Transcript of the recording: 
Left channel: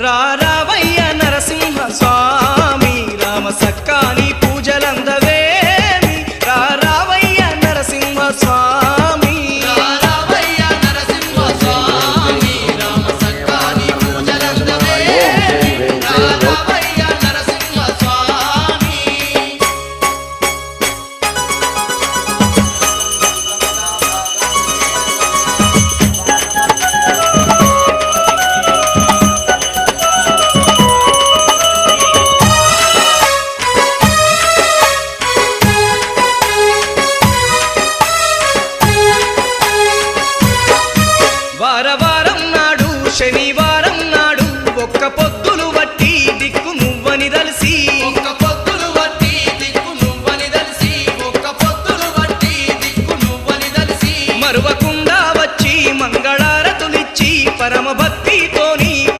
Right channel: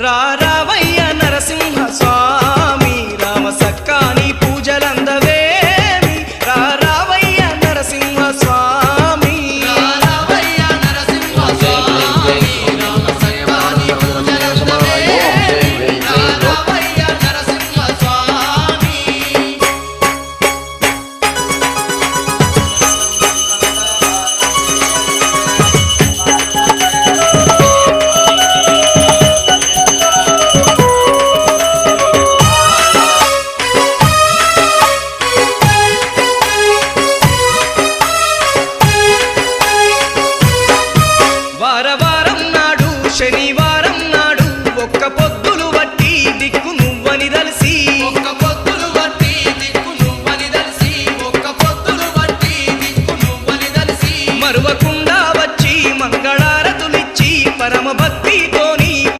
రావయ్య నరసింహ స్వామి రామ సక్కాని పూజలందవేమి రావయ్య నరసింహ స్వామి రావయ్య నరసింహ స్వామి రామ సక్కాని పూజలందవేమి రావయ్య నరసింహ స్వామి వారవారం నాడు శనివారం నాడు ఒక్క పొద్దులు వట్టి దిక్కు నువ్వని దలిసి ఒక్క పొద్దులు వట్టి దిక్కు నువ్వని దలిసి ఒక్క పొద్దులు వట్టి దిక్కు నువ్వని దలిసి మరువకుండా వచ్చి మంగళారతులిచ్చి పరమ భక్తితోని